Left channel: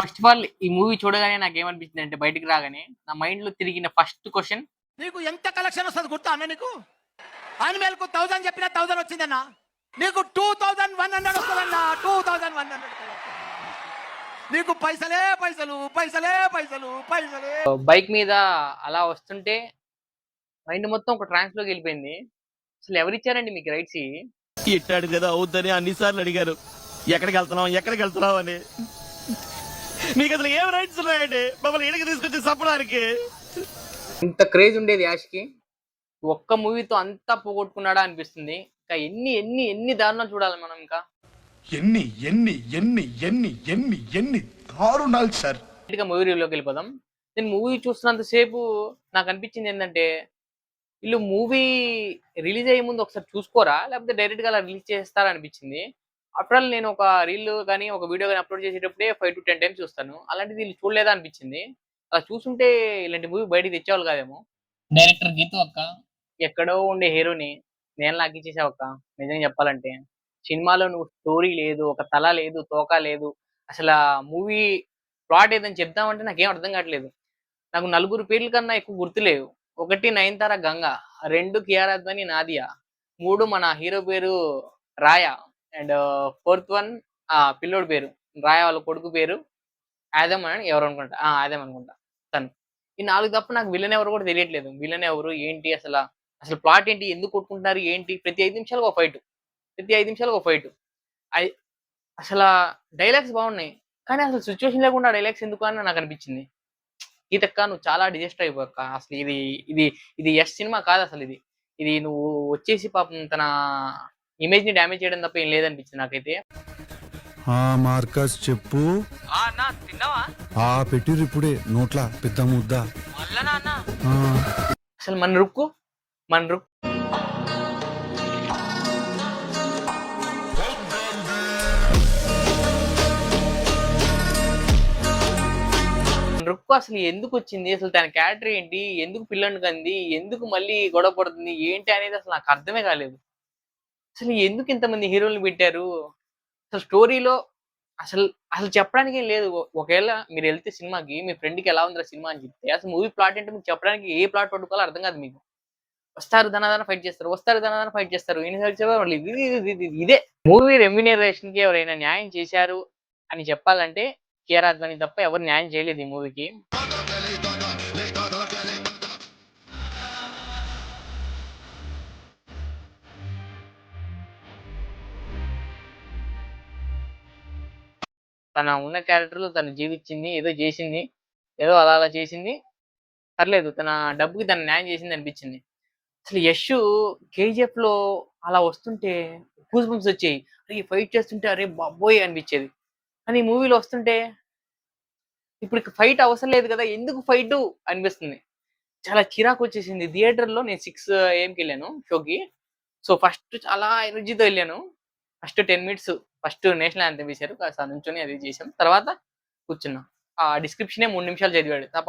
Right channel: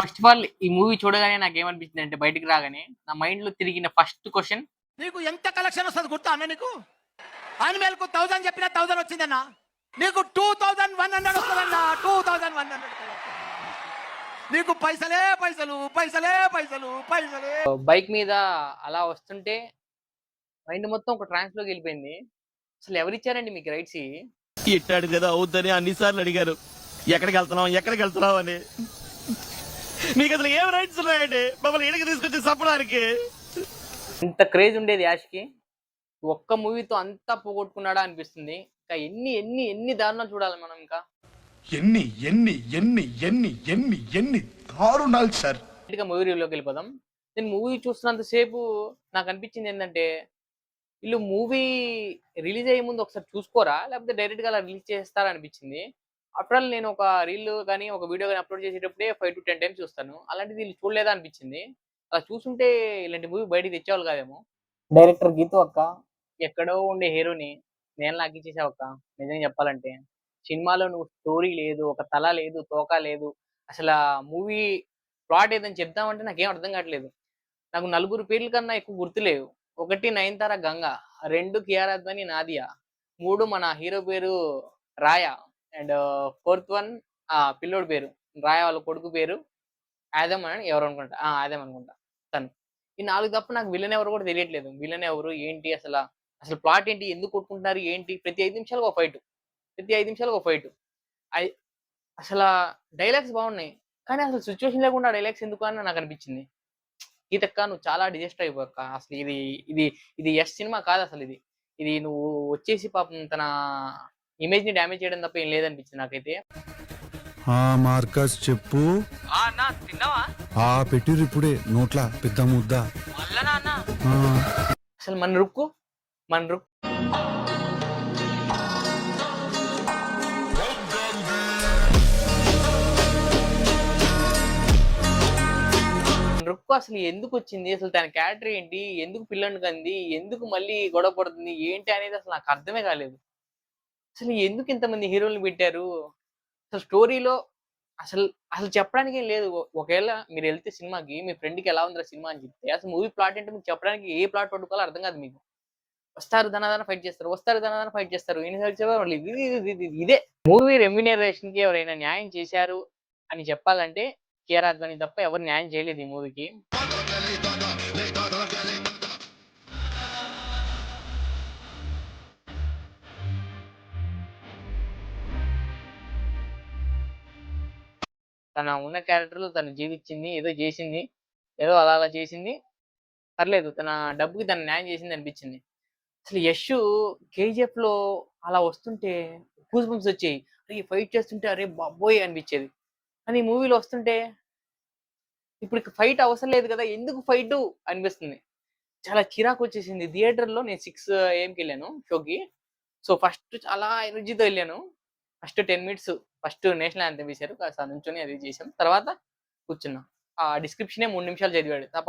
First of all ఈ movie చూడగానే నాకేమనిపించింది అంటే బయటికి రాగానే నా మైండ్ లో తిరిగిన ఫస్ట్ క్వశ్చన్, నీకు ఎంత కలెక్షన్ వస్తుంది గుర్తా అన్న? నీకు అనిమేల్కు 1000 చెప్పినా 1000 వచ్చిందన్న. నీకు 2100 వస్తుందన్న. 2100. నీకు పైసలే పైసలు, పైసలే పైసలు, పైసలే. బైక్ మీద అలా వస్తుంటే మైండ్ మొత్తం ఒక ట్రాన్స్ లోకి వెళ్ళిపోయింది. అసలు ఎవరిచ్చారండి మీకు రైట్స్? ఇట్టాడు కదా అవుద్దని అన్నిసార్లు అడిగారు, ఎక్కడికి వెళ్తున్నావు అని. మీకు అసలు ఏం రైట్స్ ఉన్నాయండి మమ్మల్ని ఇడికి తీసుకొచ్చి చెప్పడానికి? ఇంత క్రేజ్ ఉండేది యాష్కి, ఒక్క మూవీతో అంతా పోగొట్టుకున్నాడా అనిపిస్తుంది. ఇంకా ఎన్ని ఎన్ని ఎన్ని దారుణాలు చూడాలి మనం ఇంకా. ఎన్ని ఎన్ని ఎన్ని ఎన్ని ఎన్ని ఎన్ని దారుణాలు సార్. మూవీ రివ్యూలోకి వెళ్ళిపోదాం. నేను మూవీ చూస్తున్నంత సేపు నాకు అనిపించింది ఏంటంటే, వీళ్ళు మూవీ రిలీజ్ అయ్యే ముందు ఒకసారి చూసుకోరా, లేకపోతే డైరెక్ట్ గా అలా రిలీజ్ చేస్తారా అనిపించింది. ఆఫ్టర్ ఆల్ నేను ఒక రీల్ కానీ ఒక వీడియో కానీ అప్లోడ్ చేసేటప్పుడే 5 to 10 టైమ్స్ చూస్తాను. అలాంటిది వీళ్ళు చూడలేదా అనిపించింది. అలా చూసుంటే ఇలాంటి మూవీ బయటికి తెచ్చేవాళ్ళు కాదేమో. డైరెక్టర్ గీతు అక్క ఎక్కడో ఉండే హీరోని నేను లాగిచ్చేసావు అక్క. నిజంగా చెప్పాలంటే సినిమాలో నువ్వు స్టోరీ లేదు, ఒక తల లేదు, తోక లేదు. అసలు మూవీ ప్లాట్ ఏదని చెప్దామంటే నాకేం అర్థం కావట్లేదు. నాకు నలుగురు పేర్ల కన్నా ఎక్కువ గుర్తులేవు. 1 నయనతార గంగ, 2 కియారా అద్వాని నాదియా, 3 మన హీరో పేరు రాయా, అండ్ 4th వన్ పిల్లోడి పేరు రాయా వాళ్ళ కొడుకు పేరు ఆదమ్ అని ఎవరు అనుకుంటా, ఆదమ్ అనుకుంటా తను. ఈ 4 తప్ప నాకు విలన్ ఎవరు కూడా తెలియట్లేదు. విలన్ ఎవరు ఏంటి, అసలు ప్లాట్ ఏంటి, ఎందుకు కొట్టుకుంటున్నారు ఏంటి, ప్రతి 5 నిమిషాలకు ఒక ఫైట్, ప్రతి 5 నిమిషాలకు ఒక ఫైట్. అసలు డైలాగ్స్ బాగున్నాయి, కానీ అసలు సిచ్యువేషన్ లేకుండా డైలాగ్స్ ఎందుకు అని నాకు అనిపించింది. గీతక్క నువ్వు చాలా డిజెస్ట్ అయిపోక. అసలు ఇది ఇది ఇది యష్ సినిమా కాదు. అసలు ఇది ఇది నువ్వు వచ్చేసి పాపం తన ఇమేజ్ ని డ్యామేజ్ చేయడం తప్ప ఏం లేదనిపించింది నాకైతే. మార్కస్ చెప్పు. తిన్నావా? పెట్టిరు ఇప్పుడే నోట్ల పెద్ద ముద్ద. అసలు మన రుక్కు అసలు ఎందుకు వచ్చింది, అసలు తన క్యారెక్టర్ ఏంటి, ఎందుకు పిల్లని కంది, ఎందుకు మళ్ళీ గొడవ పడుతుంది ఏంటి అనేది అసలు నాకు అర్థమే కాలేదు. అసలు ఎందుకు ఇంతమంది హీరోలు పెట్టారు? అసలు స్టోరీలో అసలు అసలు చెప్పడానికి ఏం లేదు. ఒకవేళ మీరు వెళ్తే సినిమాకి మీ ఫ్రెండ్కి ఎలా ఉందిరా సినిమా అని చెప్తే, అసలు మూవీ ప్లాట్ ఏంటో మీకు చెప్పడానికి ఏ ప్లాట్ పట్టుకోవాలో అర్థం కాదు మీకు. వస్తారు ధనాధన ఫైట్ చేస్తారు, ఇదే మూవీ రెమ్యునరేషన్ కి ఎవరైనా న్యాయం చేశారు అని చెప్పాలంటే కియారా అద్వాని తప్ప ఎవరు న్యాయం చేయలేదు ఈ మూవీకి. తన ఉన్న క్యారెక్టర్ లో తను జీవించింది, ఏదో చేసింది, ఏదో అలా చేసింది, పర్లేదు. తన డబ్బుకి తను న్యాయం చేసింది అనిపించింది. అసలు యష్ కేజీఎఫ్ లో అలా వస్తుంటే గూస్ బంప్స్ వచ్చాయి. అరే ఫైట్ చేస్తుంటే అరే బాబోయ్ అనిపించేది. కానీ ఈ మూవీలో వస్తుంటే ఇప్పుడు ఫైట్ అవసరం లేదు కదా, ఎందుకు ఫైట్ అనిపిస్తుంది. చాలా చిరాకు వచ్చేసింది. థియేటర్లో నేను 6 AM వెళ్ళాను షోకి. సో ఫస్ట్ చాలా ఎనర్జీతో వెళ్ళాను. First 10 minutes first national anthem వేశారు, కాస్త నుంచొని అది చేసాం. తర్వాత కూర్చున్నాం. ఆ డిస్క్రిప్షనే 3 నిమిషాలు చదివాడు. తప్ప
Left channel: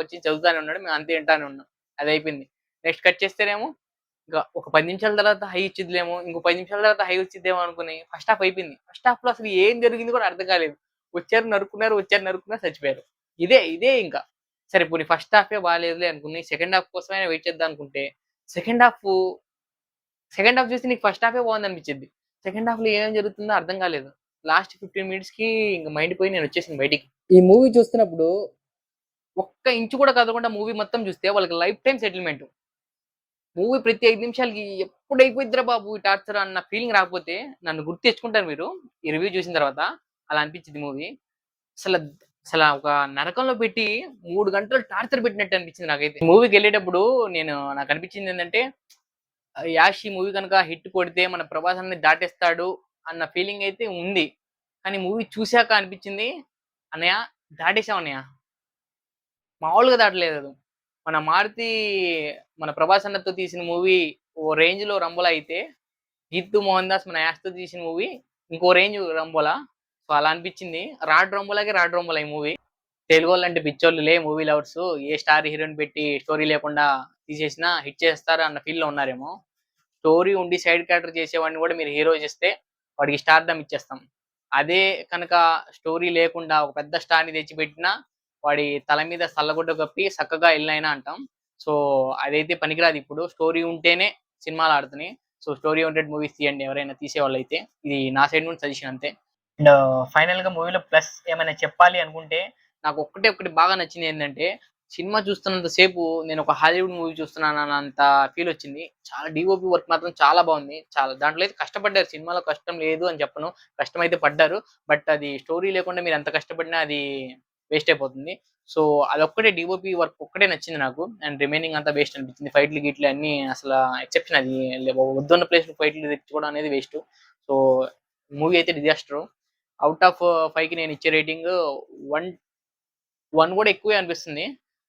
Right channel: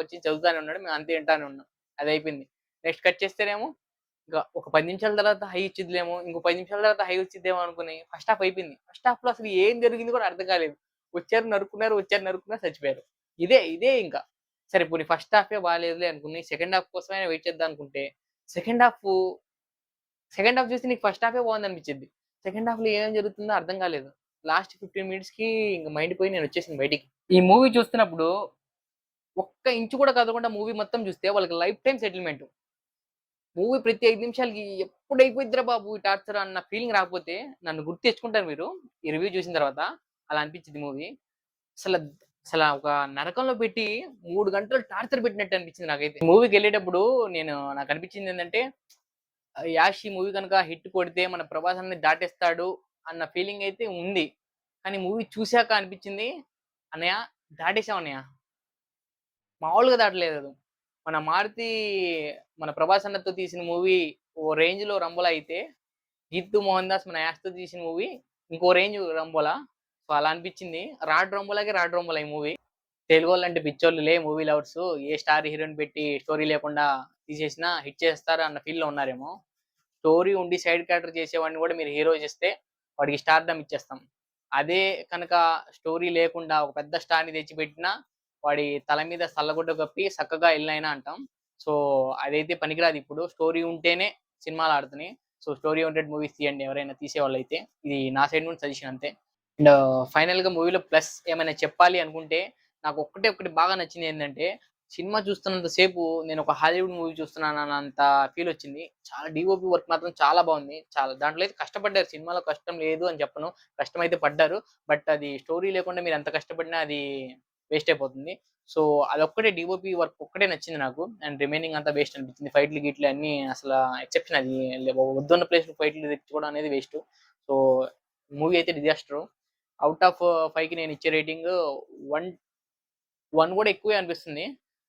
వచ్చి చదువుతానే ఉన్నాడు, మేము అంతే వింటానే ఉన్నాం. అది అయిపోయింది. నెక్స్ట్ కట్ చేస్తేనేమో ఇంకా ఒక 10 నిమిషాల తర్వాత హై ఇచ్చిద్దేమో, ఇంకో 10 నిమిషాల తర్వాత హై వచ్చిద్దేమో అనుకుని ఫస్ట్ హాఫ్ అయిపోయింది. ఫస్ట్ హాఫ్ లో అసలు ఏం జరిగింది కూడా అర్థం కాలేదు. వచ్చారు నరుక్కున్నారు చచ్చిపోయారు. ఇదే ఇంకా సరే పోనీ ఫస్ట్ హాఫే బాగాలేదులే అనుకుని సెకండ్ హాఫ్ కోసమైనా వెయిట్ చేద్దాం అనుకుంటే, సెకండ్ హాఫ్ చూస్తే నీకు ఫస్ట్ హాఫే బాగుంది అనిపించింది. సెకండ్ హాఫ్ లో ఏం జరుగుతుందో అర్థం కాలేదు. లాస్ట్ 15 మినిట్స్ కి ఇంకా మైండ్ పోయి నేను వచ్చేసింది బయటికి. ఈ మూవీ చూస్తున్నప్పుడు ఒక్క ఇంచు కూడా కదలకుండా మూవీ మొత్తం చూస్తే వాళ్ళకి లైఫ్ టైం సెటిల్మెంట్. మూవీ ప్రతి 5 నిమిషాలకి ఎప్పుడు అయిపోయిద్దిరా బాబు ఈ టార్చర్ అన్న ఫీలింగ్ రాకపోతే నన్ను గుర్తు తెచ్చుకుంటారు మీరు ఈ రివ్యూ చూసిన తర్వాత. అలా అనిపించింది మూవీ. అసలు ఒక నరకంలో పెట్టి 3 గంటలు టార్చర్ పెట్టినట్టు అనిపించింది నాకైతే. మూవీకి వెళ్ళేటప్పుడు నాకు అనిపించింది ఏంటంటే, యాష్ ఈ మూవీ కనుక హిట్ కొడితే మన ప్రభాస్ అన్ని దాటేస్తాడు అన్న ఫీలింగ్ అయితే ఉంది. కానీ మూవీ చూశాక అనిపించింది, అన్నయ్య దాటేసాం అన్నయ్య, మామూలుగా దాటలేదు. మన మారుతి మన ప్రభాస్ అన్నతో తీసిన మూవీ ఓ రేంజ్ లో రంబోలా అయితే, జిత్తు మోహన్ దాస్ మన యాష్తో తీసిన మూవీ ఇంకో రేంజ్ రంబోలా. సో అలా అనిపించింది. రాడ్ రంబోలా ఈ మూవీ. తెలుగు వాళ్ళు అంటే పిచ్చోళ్ళులే మూవీ లవర్స్, ఏ స్టార్ హీరోయిన్ పెట్టి స్టోరీ లేకుండా తీసేసినా హిట్ చేస్తారు అన్న ఫీల్ లో ఉన్నారేమో. స్టోరీ ఉండి సైడ్ క్యారెక్టర్ చేసేవాడిని కూడా మీరు హీరో చేస్తే వాడికి స్టార్డమ్ ఇచ్చేస్తాం. అదే కనుక స్టోరీ లేకుండా ఒక పెద్ద స్టార్‌ని తెచ్చిపెట్టినా వాడి తల మీద సల్లగుడ్డ కప్పి చక్కగా ఎళ్ళినైనా అంటాం. సో, అదైతే పనికిరాదు ఇప్పుడు. స్టోరీ ఉంటేనే సినిమాలు ఆడుతున్నాయి. సో, స్టోరీ ఓరియెంటెడ్ మూవీస్ తీయండి ఎవరైనా తీసేవాళ్ళైతే. ఇది నా సైడ్ నుండి సజెషన్ అంతే. అండ్ ఫైనల్‌గా మూవీలో ప్లస్ ఏమైనా చెప్పాలి అనుకుంటే నాకు ఒకటి బాగా నచ్చింది ఏంటంటే, సినిమా చూస్తున్నంత సేపు నేను ఒక హాలీవుడ్ మూవీ చూస్తున్నానన్నంత ఫీల్ వచ్చింది. చాలా డీఓపీ వర్క్ మాత్రం చాలా బాగుంది. చాలా దాంట్లో అయితే కష్టపడ్డారు. సినిమాలో కష్టం లేదు అని చెప్పను. కష్టమైతే పడ్డారు. బట్ అది స్టోరీ లేకుండా మీరు ఎంత కష్టపడినా అది వేస్ట్ అయిపోతుంది. సో, అదొక్కటే డీఓపీ వర్క్ ఒక్కటే నచ్చింది నాకు. అండ్ రిమైనింగ్ అంతా వేస్ట్ అనిపించింది. ఫైట్‌లు గిట్లు అన్నీ అసల ఎక్సెప్షన్ అది. వద్దన్న ప్లేస్‌లో ఫైట్‌లు తెచ్చుకోవడం అనేది వేస్ట్. సో, మూవీ అయితే డిజాస్టరు. ఔట్ ఆఫ్ 5కి నేను ఇచ్చే రేటింగ్ 1, 1 కూడా ఎక్కువే అనిపిస్తుంది.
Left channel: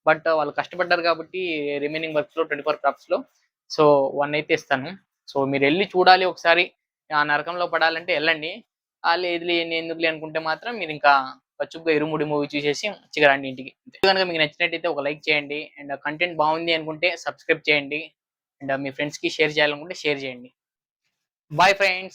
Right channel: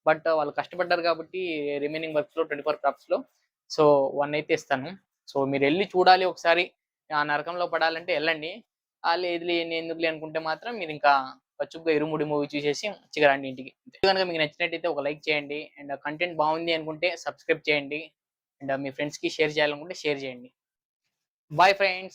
బట్ వాళ్ళు కష్టపడ్డారు కాబట్టి రిమైనింగ్ వర్క్స్‌లో 24 క్రాఫ్ట్స్‌లో. సో, 1 అయితే ఇస్తాను. సో, మీరెళ్లి చూడాలి ఒకసారి. ఆ నరకంలో పడాలంటే ఎళ్ళండి. లేదులే ఎందుకులే అనుకుంటే మాత్రం మీరింకా పచ్చుగ్గా 'ఇరుముడి' మూవీ చూసేసి మంచిగా రండి ఇంటికి. వీడియో గనుక మీకు నచ్చినట్టయితే ఒక లైక్ చేయండి. అండ్ కంటెంట్ బాగుంది అనుకుంటే సబ్స్క్రైబ్ చేయండి. అండ్ మీ ఫ్రెండ్స్‌కి షేర్ చేయాలనుకుంటే షేర్ చేయండి. Bye friends.